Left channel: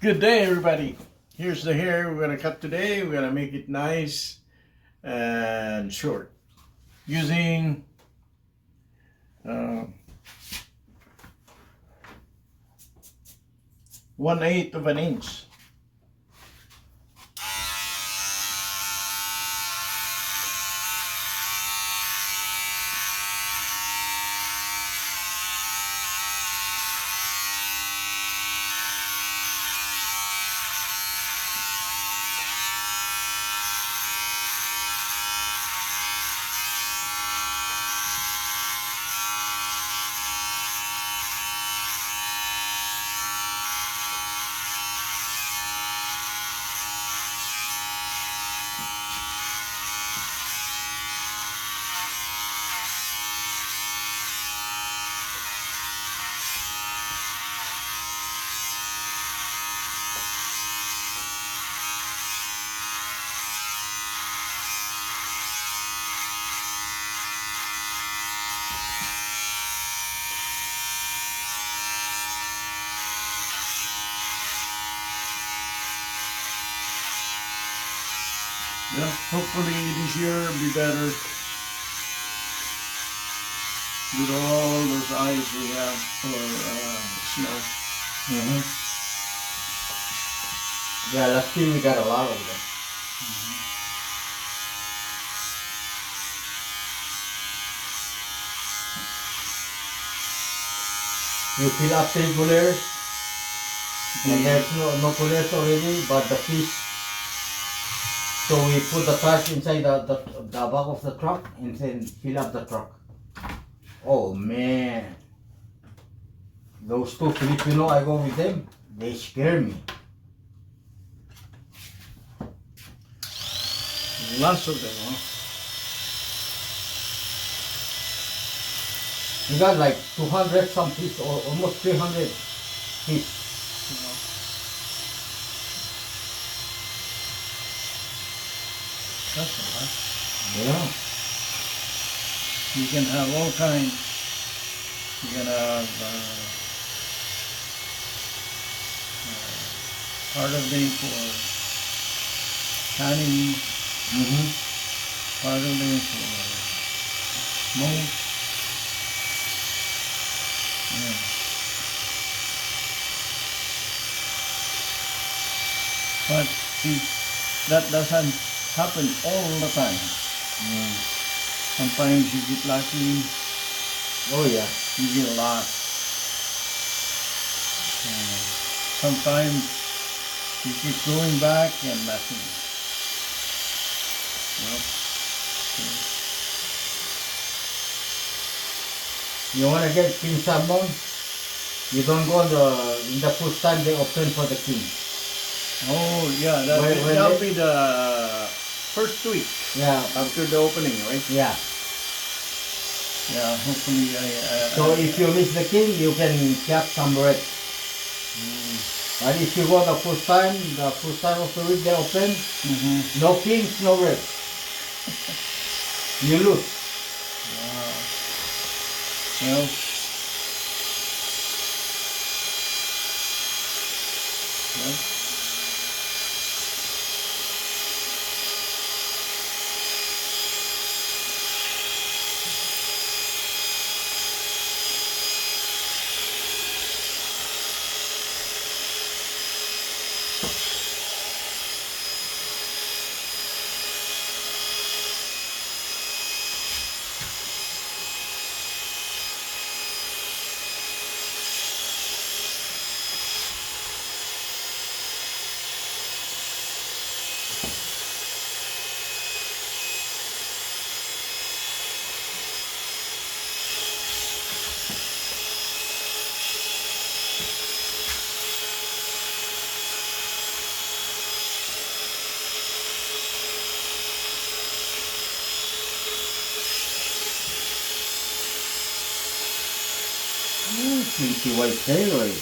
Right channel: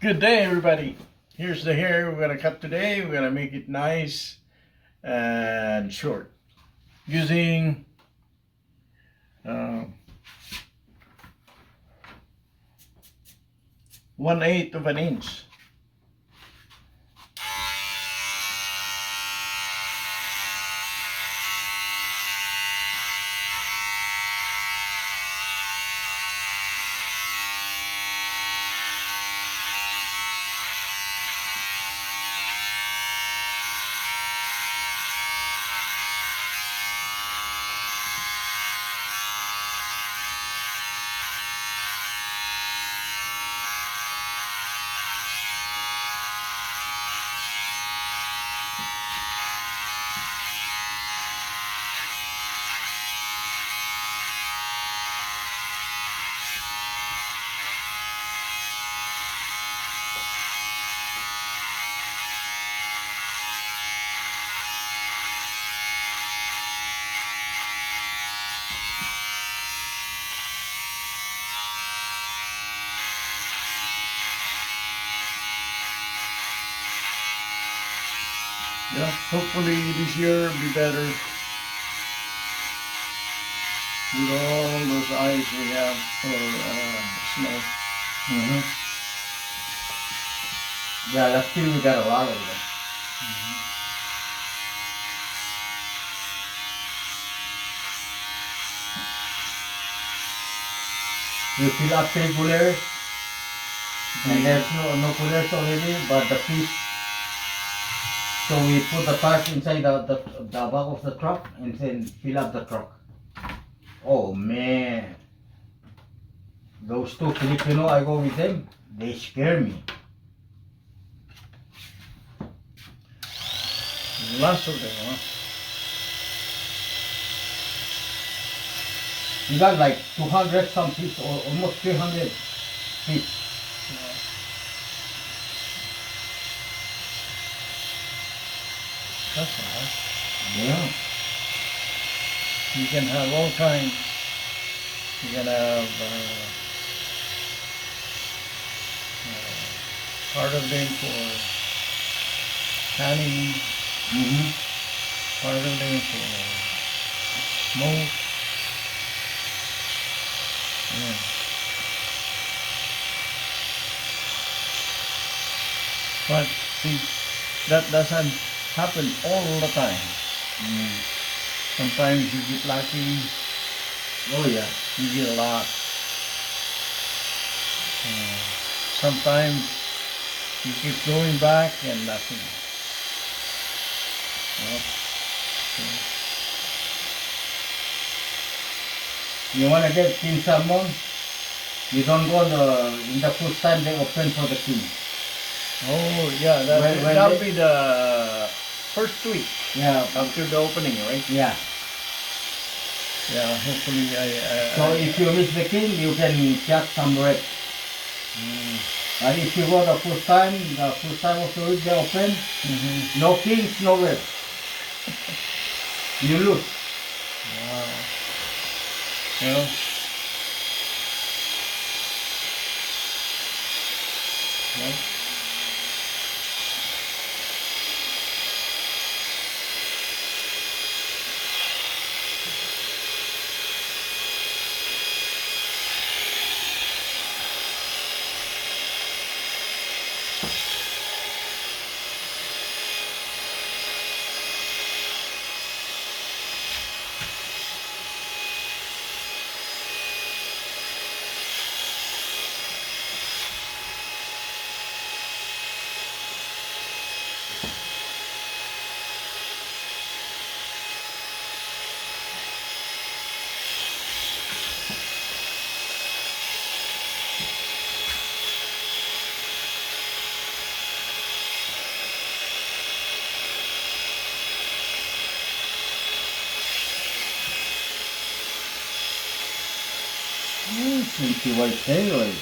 Good day, everybody. Here's the hair we're gonna cut today. We're gonna make it nice and short using uh, 1/8 of an inch. Yeah, hopefully this year will be better with all those eyes we have for snow. Yeah, last year we got a lot of them. We fill up 3 coolers, and there's no coolers already, but the fish. So we put the tarp inside the back of the truck and then fill up the truck. Oh man, those two Filipino, I go with them, they scare me. Lots of them, huh? We got like 200 some fish, or almost 300 fish. That's a lot. Yeah. You can have all kinds. You can have part of them for canning, part of them for smoke. Yeah. But see, that doesn't happen all the time. Sometimes you get lucky, Oh yeah. you get a lot. Sometimes you keep going back and nothing. Well, You wanna get king salmon? You don't go in the first time they open for the king. oh yeah, When that'll they- be the first week Yeah. after the opening, right? Yeah. Yeah, hopefully So if you miss the king, you can catch some red. But if you go the first time of the week they open, no kings, no red. You lose. well, well, Pretty white tail.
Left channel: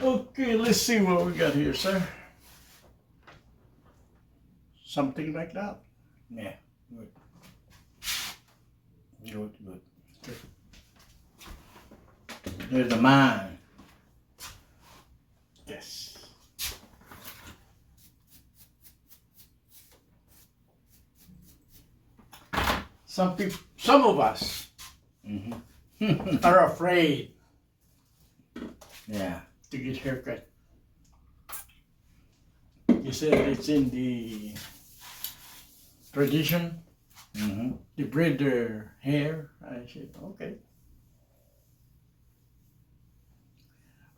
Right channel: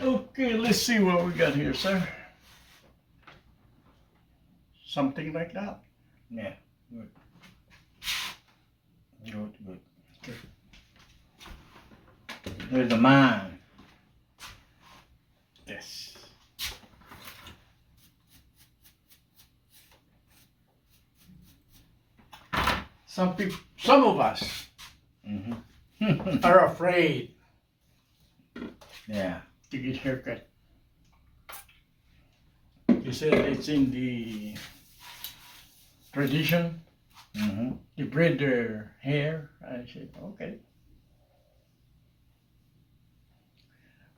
Okay, let's see what we got here, sir. Something like that. Yeah, good. Good, good. Here's the man. Yes. Some of us Mm-hmm. are afraid Yeah. to get haircut. They said it's in the tradition Mm-hmm. to braid their hair. I said, okay.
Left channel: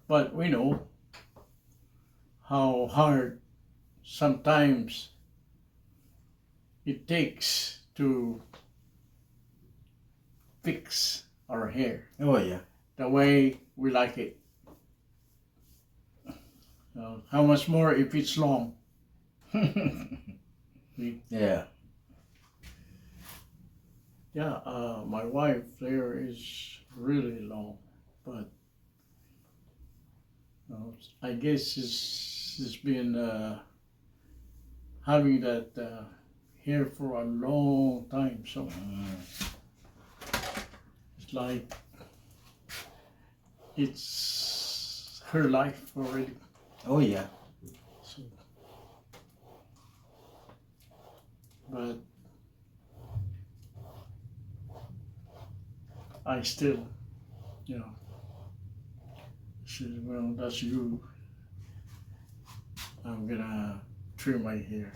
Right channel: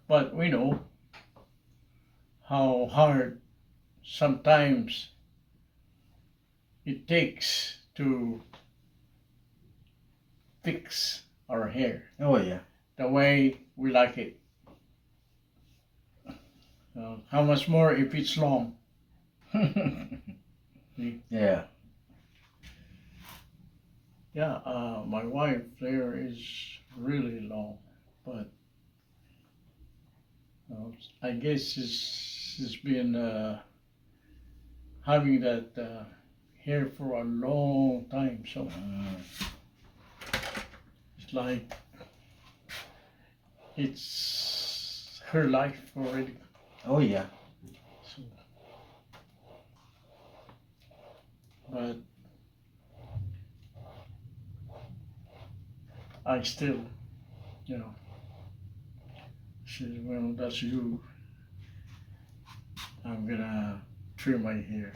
But we know how hard sometimes it takes to fix our hair Oh yeah. the way we like it. How much more if it's long? Yeah. Yeah, my wife there is really long, but I guess she's been having that hair for a long time, so it's like it's her life already. Oh yeah. So, but I still, you know, she said, well, that's you. I'm gonna trim my hair.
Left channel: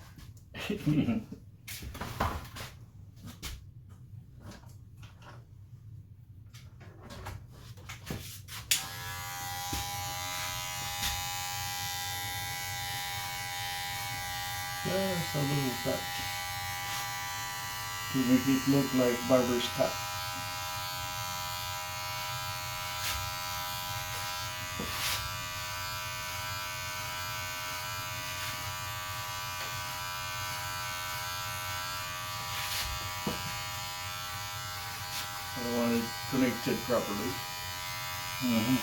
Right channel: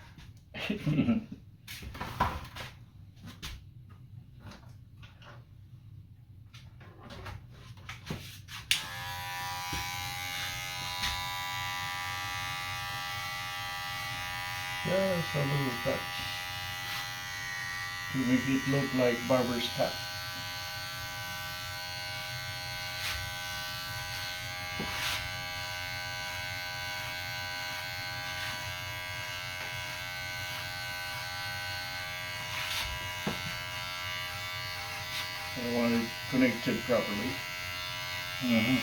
Just a little touch to make it look like barber's cut. I want it connected properly. Mm-hmm.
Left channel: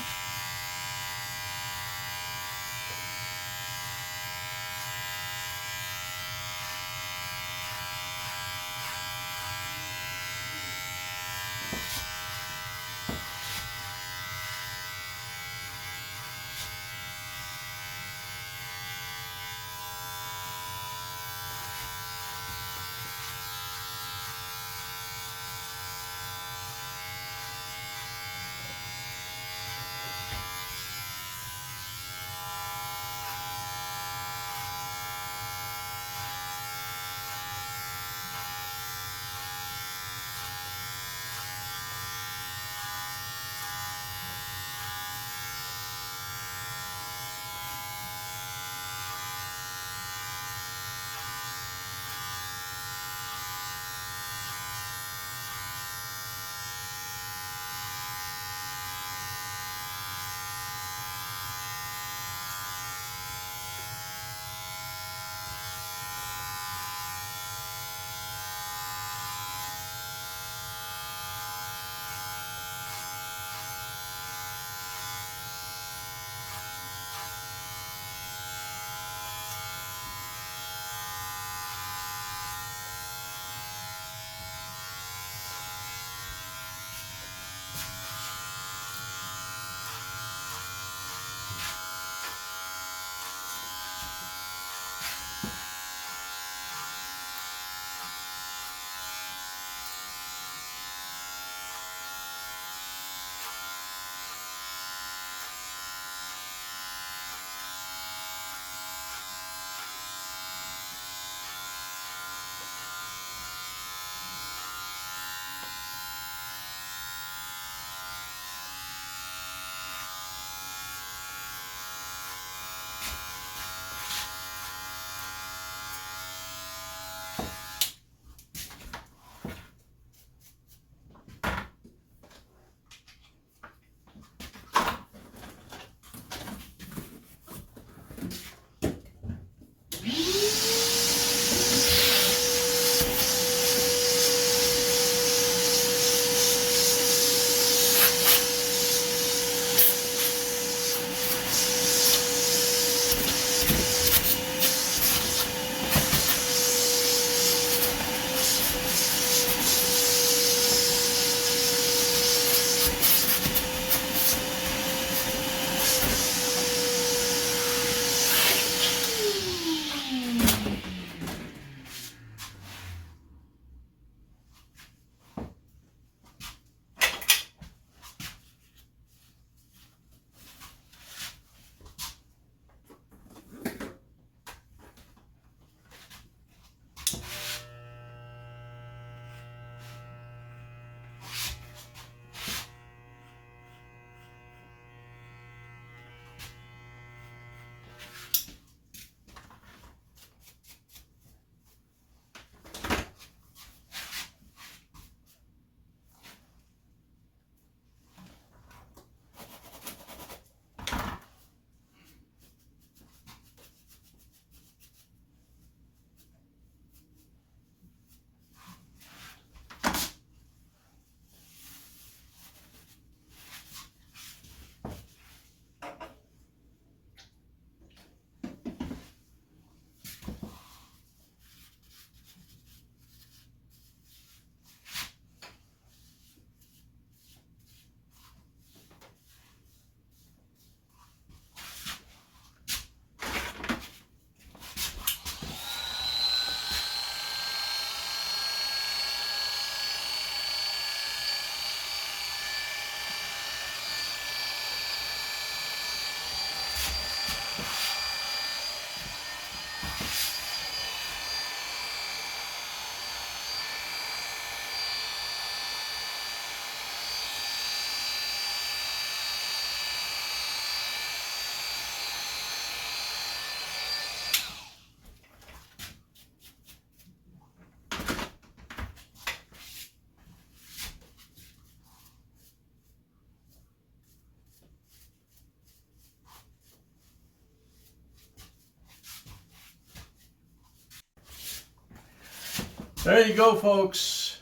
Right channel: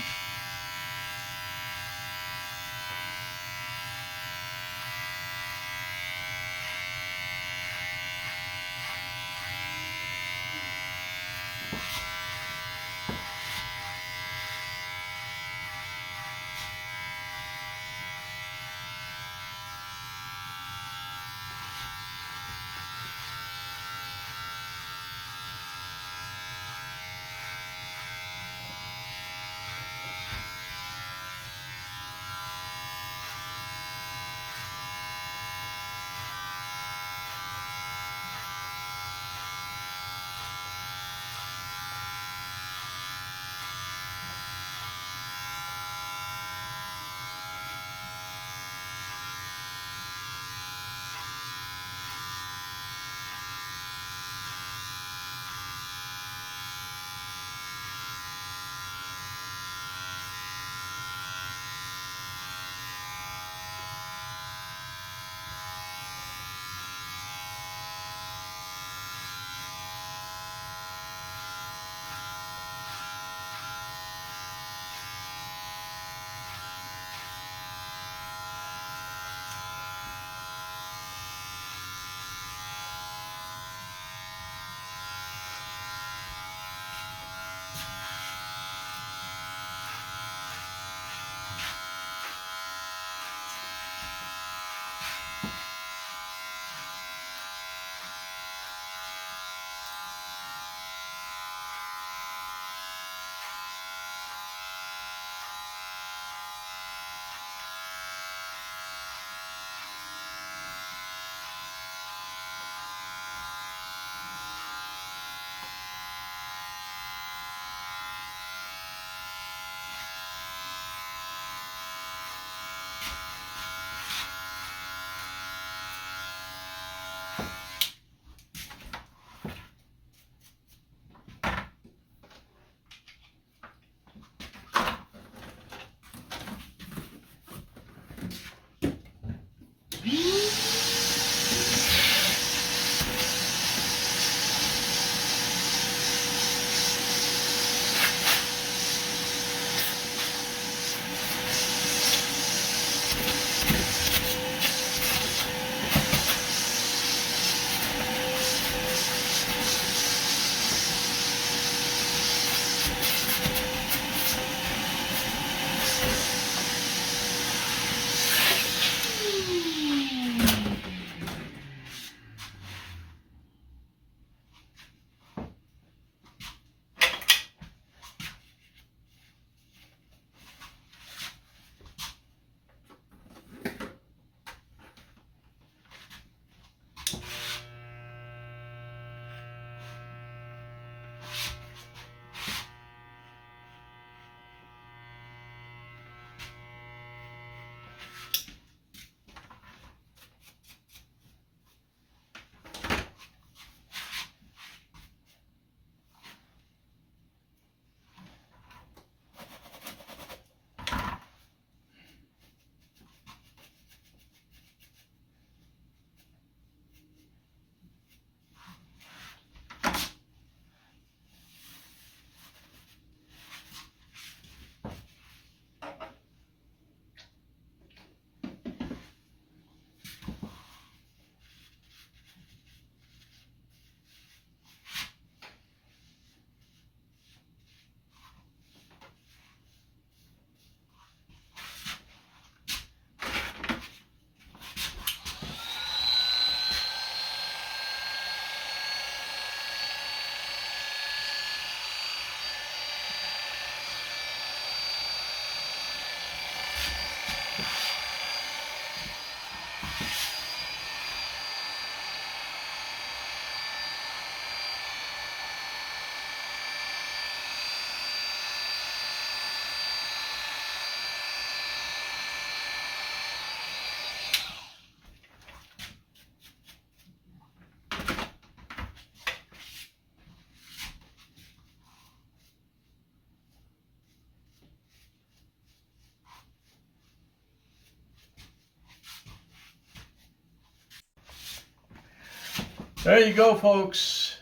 There you go, folks.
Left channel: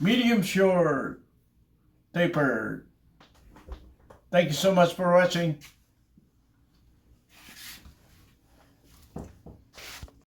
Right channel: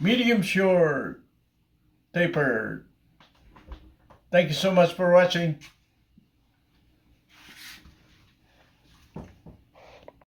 medium short, tapered. Thank you so much for watching.